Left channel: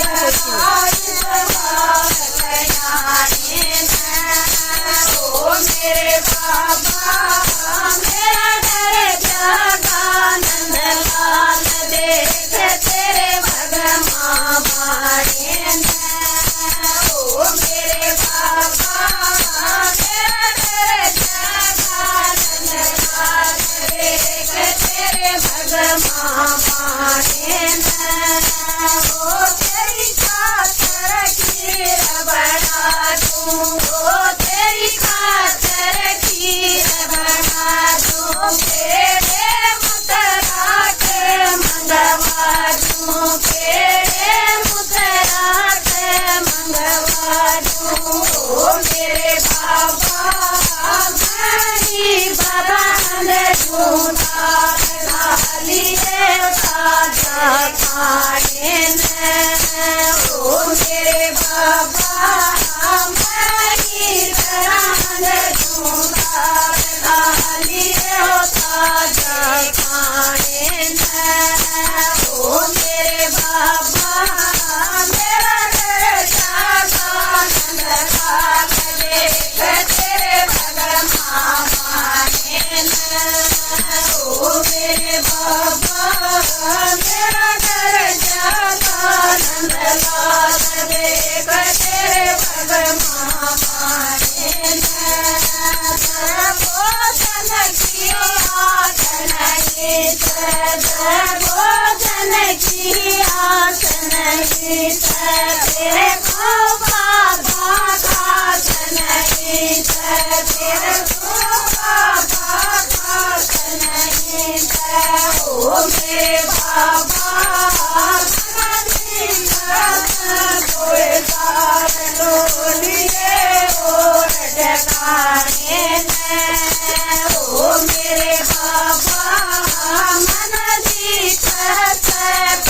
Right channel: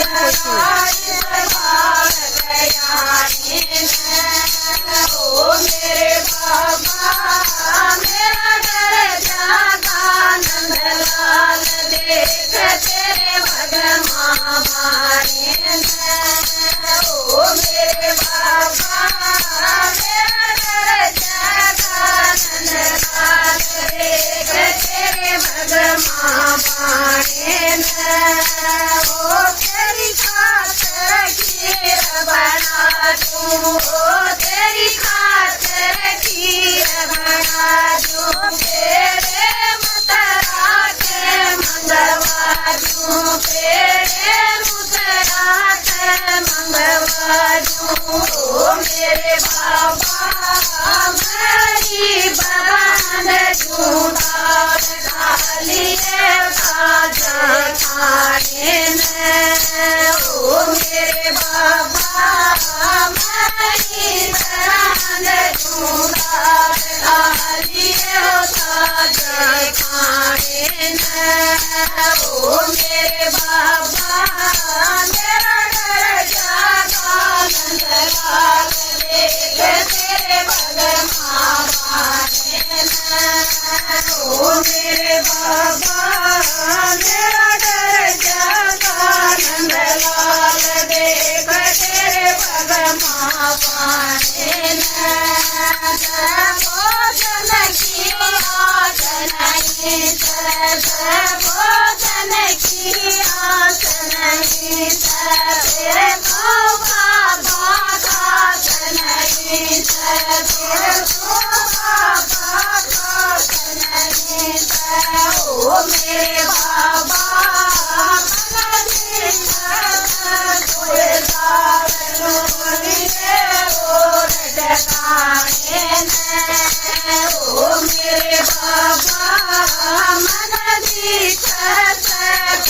ओ मेरे बाबा मेरा घर जागा नंदलाल देख तेरे भगवान बाणे ओ मेरे बाबा मेरा घर जागा नंदलाल देख तेरे भगवान बाणे ओ तेरी खातर खीर बना दूं ओ तेरी खातर खीर बना दूं तेरे मुतराट मंगवा दूं तेरे मुतराट मंगवा दूं ओ मेरे बाबा गरीब बंद दूं डाली ताजा खाने ओ मेरे बाबा गरीब बंद दूं डाली ताजा खाने ओ मेरे बाबा मेरा घर जागा नंदलाल देख तेरे भगवान बाणे ओ मेरे बाबा मेरा घर जागा नंदलाल देख तेरे भगवान बाणे भोजन की आस नहीं भोजन की आस नहीं तेरे को बाबा खास नहीं तेरे को बाबा खास नहीं ओ मेरे बाबा ओ मेरे बाबा मन दी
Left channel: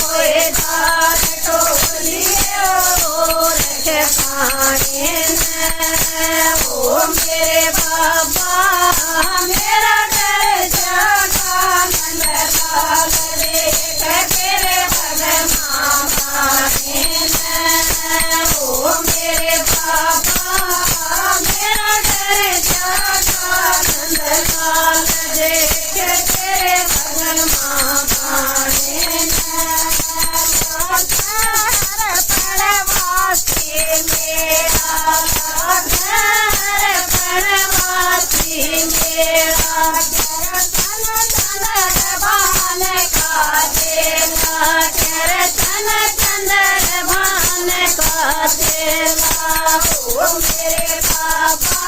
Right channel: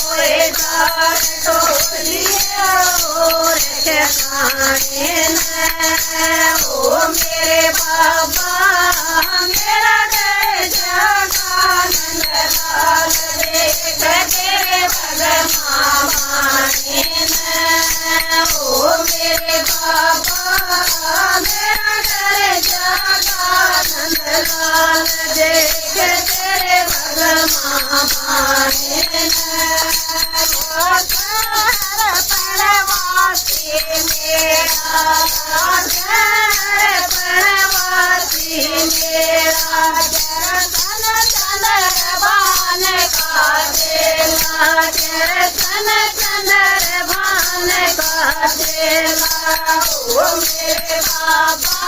कोई दार टोलिए और ठिकाने ओ मेरे बाबा मेरा घर जागा नंदलाल देख तेरे भगवान बाणे ओ मेरे बाबा मेरा घर जागा नंदलाल देख तेरे भगवान बाणे पणवासी मेरा घर पणवासी मेरा दर्शन चंद्रभान का देला दर्शन चंद्रभान का देला ओ मेरे बाबा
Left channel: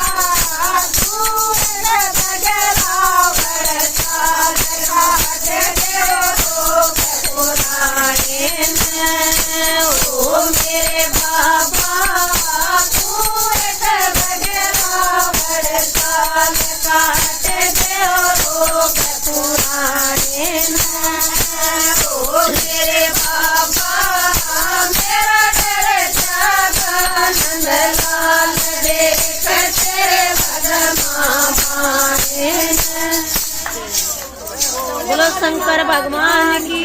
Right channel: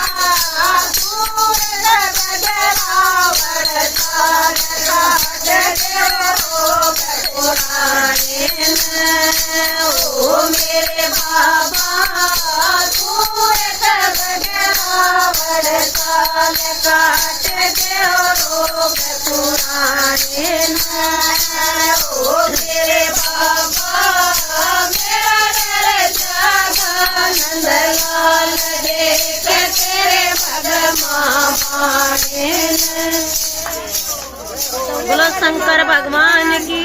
ओ मेरे बाबा सूरत बजरा बड़साल काट दो रोग पुराने ओ मेरे बाबा मेरा घर जागा नंदलाल देख तेरे भगवान बाणे बोलो शंकर भगवान की।